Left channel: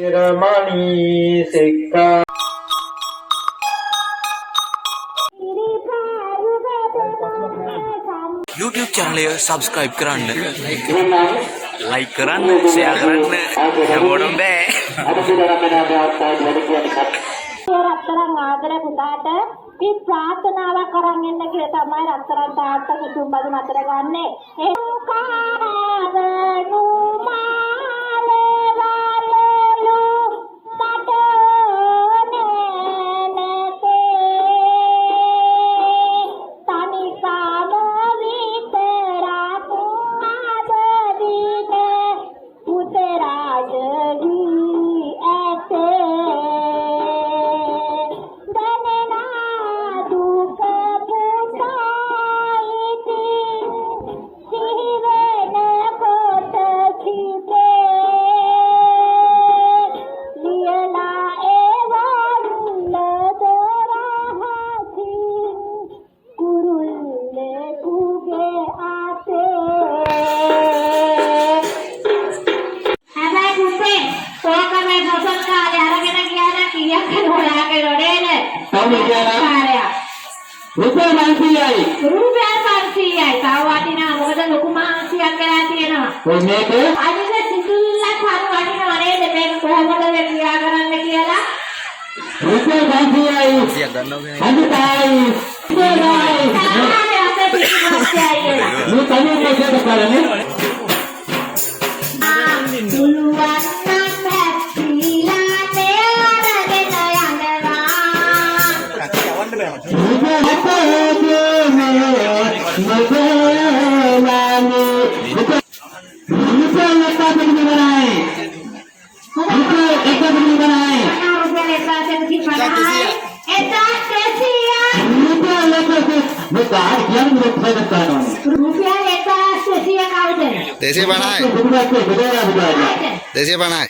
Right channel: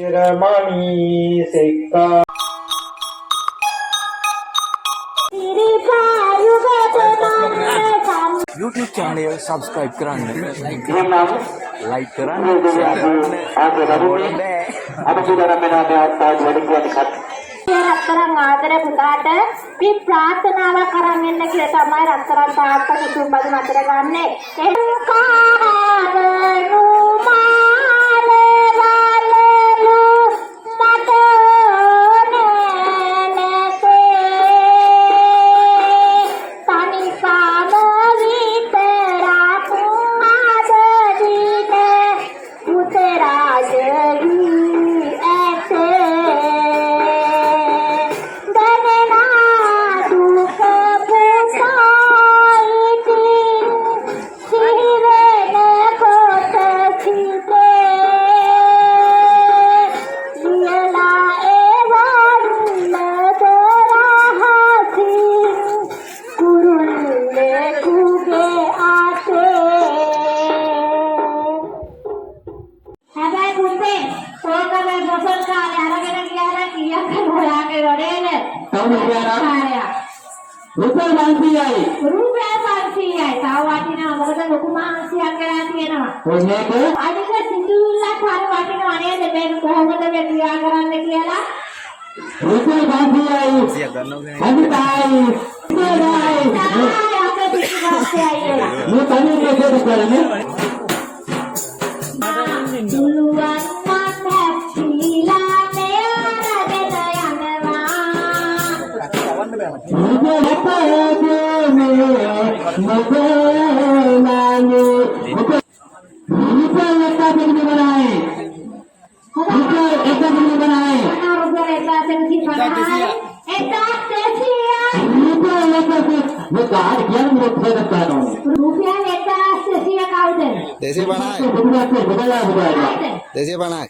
YouTube channel subscribe කරන්න like කරන්න share කරන්න හැමෝටම බෑ රත්තරන් ආදර පුතාට මේ ප්‍රාර්ථනාවක් කරන් එන්න කියලා තමයි රත්තරන් තාත්තා කුතුම් බදු මතර ගන්නෙ Rupiah 500යි. Rupiah 500යි. සාවාටිනා මොකද ලොකු මාංශයක් කරලා තියෙනවා. ඔය මේක අනික සිතුල්ලක් හරි වටිනවා නේද මේක කොහොමද ක්‍රියා කරන්න කියලා. Rupiah 500යි. 100ක් ගන්නවද අනිතයි. මේ තනියම මේක කරන්නේ. Desi panai. Desi panai.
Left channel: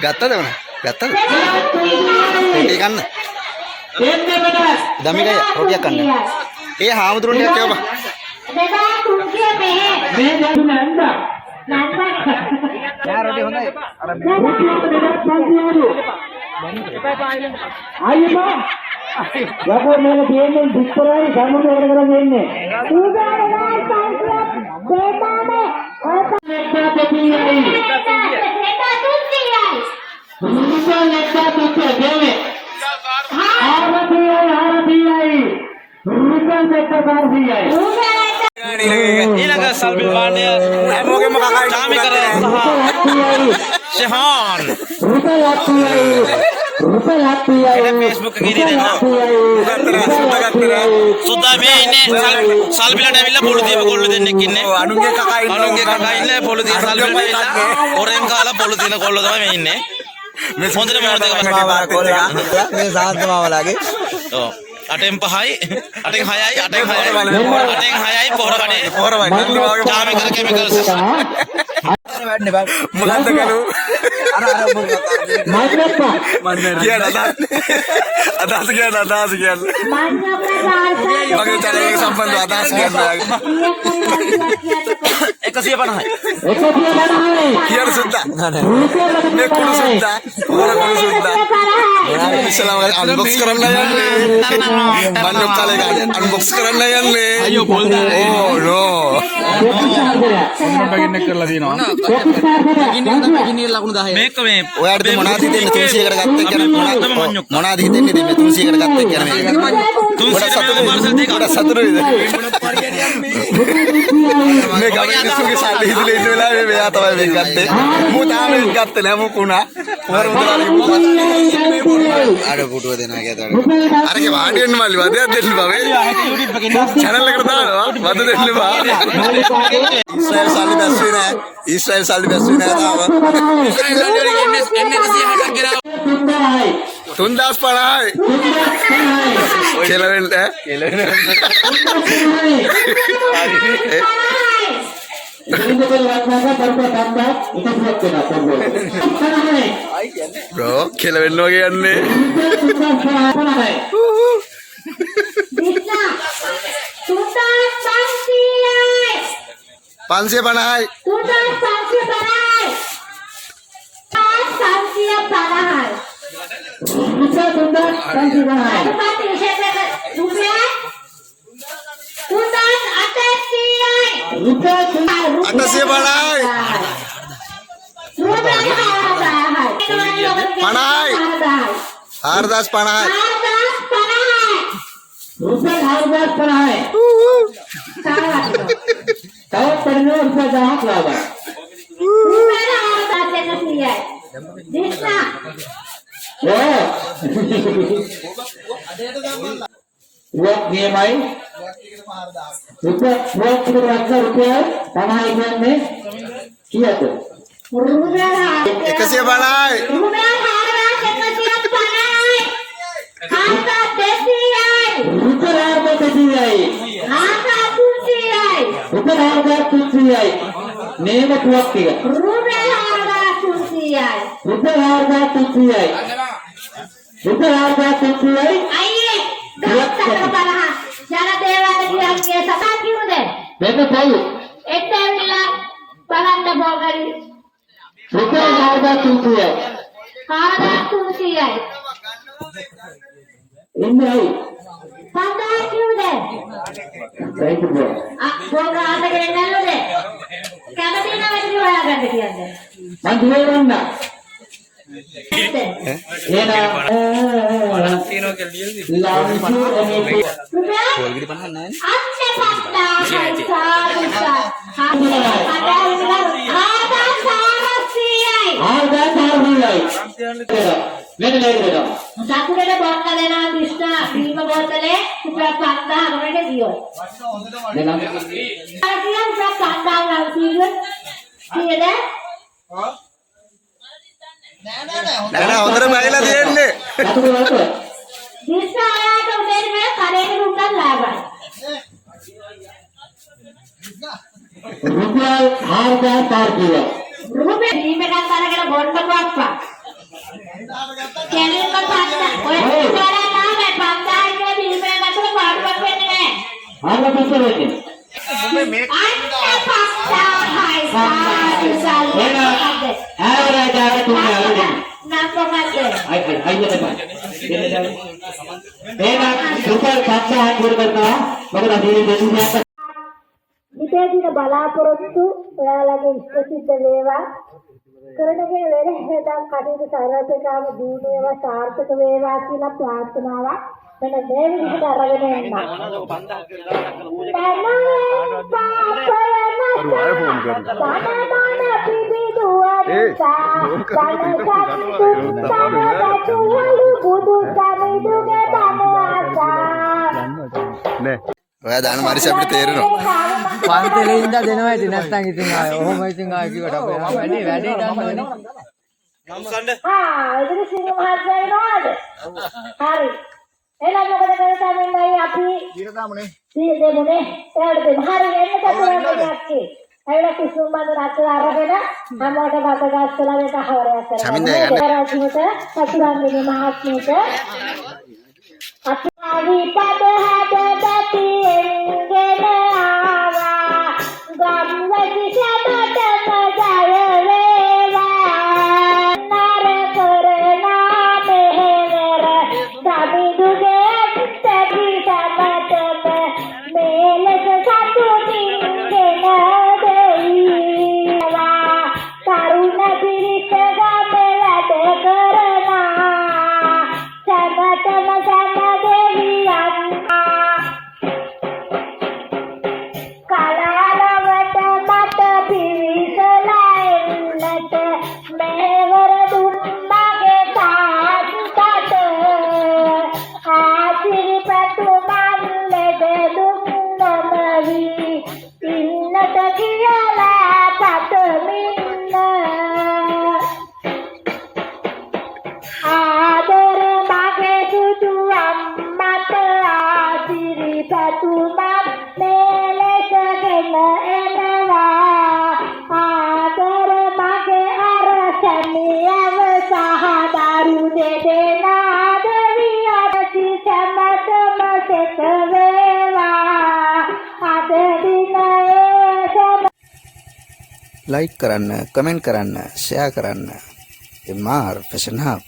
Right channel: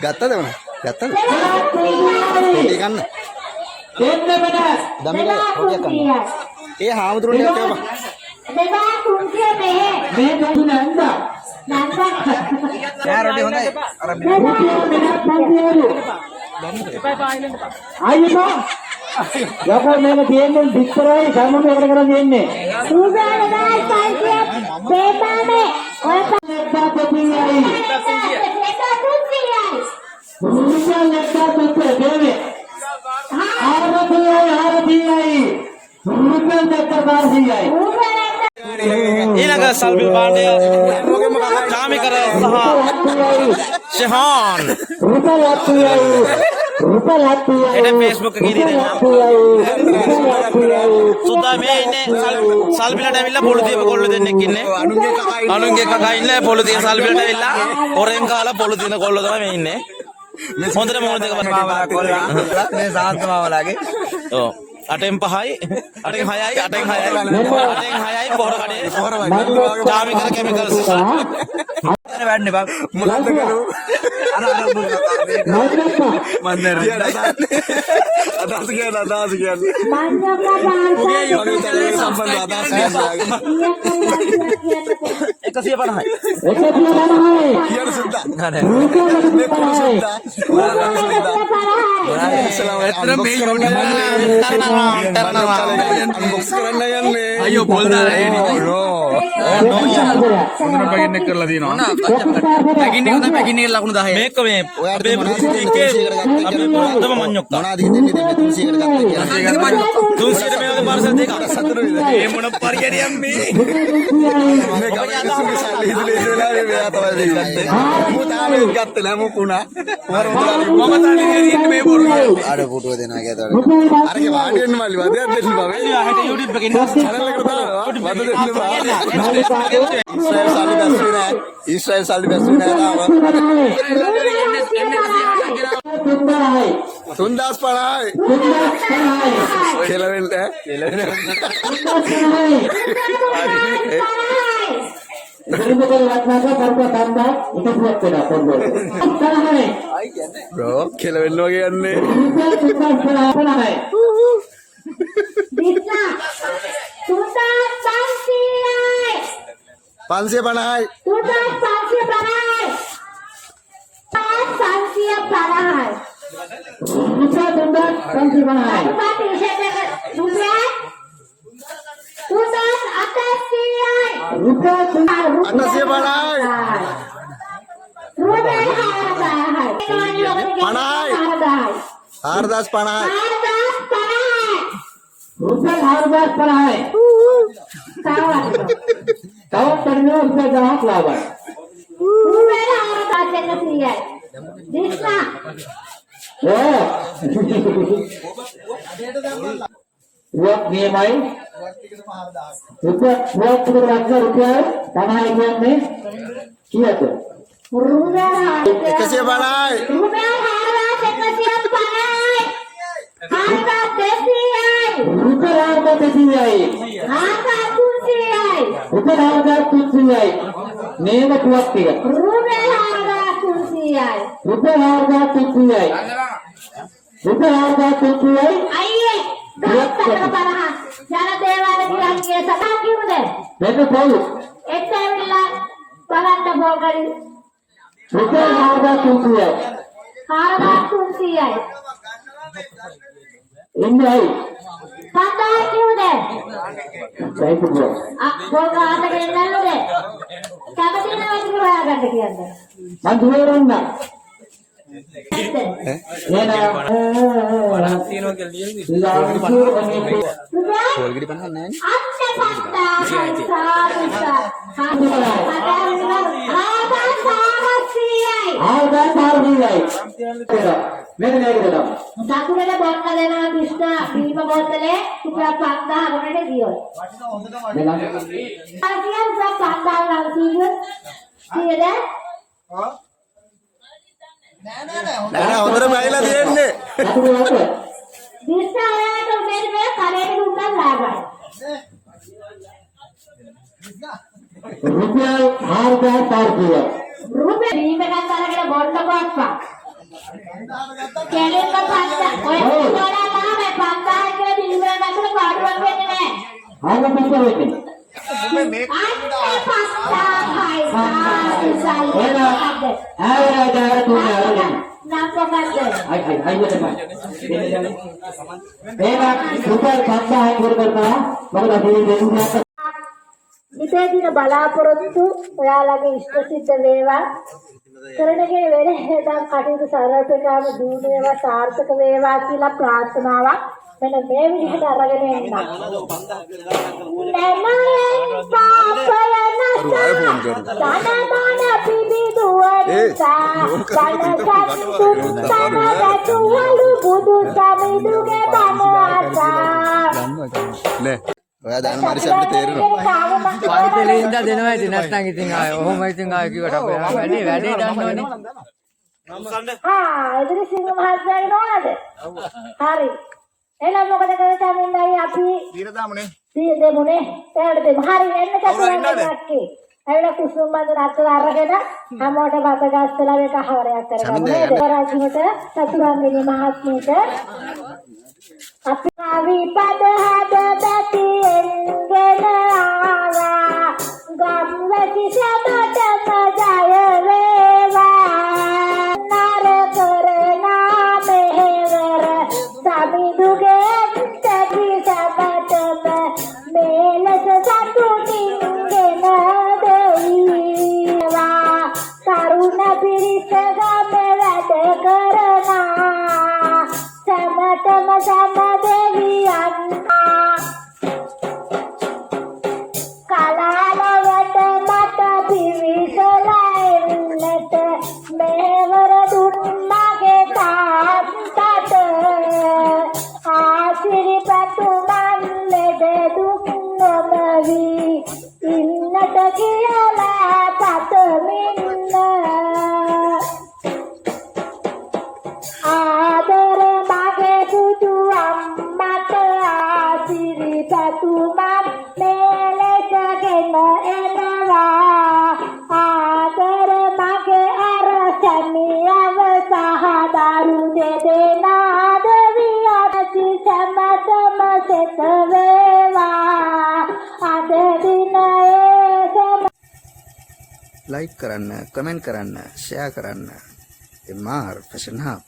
Gatta mana? Gatta. Roti kan? Dami kaya roti kan? Hamuturun dia coba. Ya roti mana? Ayo bang. Yako mana dia ni bicara sama dia orang orang ni. Rupiah 500 බේපානේ ඔය Rupiah එන Facebook එකේ දෙන්න සුදා මේ ඉන්නේ සල්බිලට ඇවිල්ලා පොළු දීප කොල්ලෝ දෙන්නෙක් ඉන්නේ අනුන්ගේ කකා ඉන්නේ පොළු දීප සල්බිලට ඇවිල්ලා ඔරෙන් කාලා පොළු දින කොල්ලෝ තමයි මේ ඉන්නේ මේ හොඳට මොනවද මේ සාන්තමාවලාගේ ඔව් 8න් 5යි 8න් 6යි 8න් 6යි පොහොර කඩේ පොහොර වගේ තාම කැමිකල්ස් වැඩන්නේ බා මුලන්ද ගලු අර අදහස කියන්නේ මගේ තරගේ සම්බන්ධ අදහස් කියන්නේ 150යි කියන සුද්දා මේ කුණු සුද්දා කුණු සුද්දා ඉස්ලාම අන්බොක්ස් කරන්න යන්නේ බන්නෝ කාලේ අන්බොක්ස් කරන්න යන්නේ අයියෝ පොල් දාලා ඕ නෝ පගින්න කරලා දිනවා පගින්න එක තමයි පගින්න එක ලකුණු 10 මේක මේ ඔයාට මොනවද හිතෙන්නේ 300කට ගත්තා කියලා මොනවද හිතෙන්නේ මේ 300කට ගත්තා කියලා මේ 300 සතුරු මේ මොන පරිගණියක් මේ මේ ගමනේ සල්ලි හිතලා ඉන්න වෙලාවේ මෙයා තමයි අර පුටුව දෙනවා කියතවල අරගේ වාඩි වෙන්න මල්ලි වදයක් දෙන්න බෑ channel එකට දානවා වද දෙන්න බෑ ඉස්රායල් සල්ලි බැස්සේ නෑ ඉස්රායල් සල්ලි බැස්සේ නෑ තාම 3050යි කෙලවෙන්න bro කෙලවෙන්න වගේ යන්නේ 550යි අටසිය බලයි පණයි 4050යි रुपये 4050 तव करने रुपये जहाँ लावा वो गेम आई रुपये पढ़ाई में किया तो 150 බලයි नेम कुछ किया रुपये आइए जरा देवालय के सभा क्यों दे देखो भाई एक मिला पढ़ाने बोगरी रुपये तुलसी है इंडिया पता है क्यों दे सही तो बोल बोगा आते के नल्लो दे क्या कभी ना बैठ हुआ करते किया दे मन धुए रहना ये ना तीनों के लिए कोलगेट बनना है अच्छे पता සතුරේට බොන්න දෙනවා දිස්නා බීම බෝතලේ රුපියල් 5000කට දියෝ. देना ආකියන් රුපියල් 5000 කීයද? නෑ හොඳට බයිලා තියෙන්නේ දිස්නා ආයත උදේට මේ කරේට උන්දන් ලාභයි. रुपये 4000 किया රුපියල් දීපකන් තරකට බොන්න කොක්පා. කැලේ පත්තා ඔය ඉස්සරහා නාමේ 5000 කියලා බීමේ නැතුව පාඩුවක් වෙන්නේ නැහැ. आगे पीछे बैठे හිතේ දින බලාපොරොත්තු ඔයාලගේ ඉෂ්ට සිද්ධ වේවා කරනගෙන වෙලෙන් කටයුතු සාර්ථකවම දිනු වේවා සාර්ථක වේවා කියලා ප්‍රාර්ථනාවක් මෙන්න මේ විදිහට අරගෙන එන්න. නේ ඔයා දාන මාරිස් අපිට තේරෙනවා පන්තිලේ ඉඳලා දෙනවා ඉතින් නැත්නම් ඉතින් ආය ඔහොම ඉතින් ආය කිව්වට අපේ වැඩේ දන්නවනේ ඉතින් සිංහ මහත්තයාගේ නෝනද? හරි. එහෙනම් මොකද කරන්නේ අපි ඊට දාමුනේ දෙමුනේ එයාට දෙමු. හරි එන්න කතරන්නේ නැක්කේ. ඇවිල්ලා කුසුම් බඳුන අතට අරගෙන හැමෝටම බත ගස්සලා මේක හවරයක් කරගන්න. රාජිමට සතුරන්ගේ මහත්මියට අපි පද හද බැතිෙන්ගෙන ආවා ගම්වැසි සැදට ජය වේවා නර කරනා මෙහෙවර සමිඳුගේ තැටි සමතම මේලස සතුටින්ගෙන දෙයිවා තරුණ පිරිස ගම වැඩ කරනා සමතම සම දෙවියන් දෙදෙනා දෙවියන්සි සමතම සෙත වේවා අද දිනේ लाइक करන්න, කමෙන්ට් කරන්න, ෂෙයා කරන්න. MR fashion hub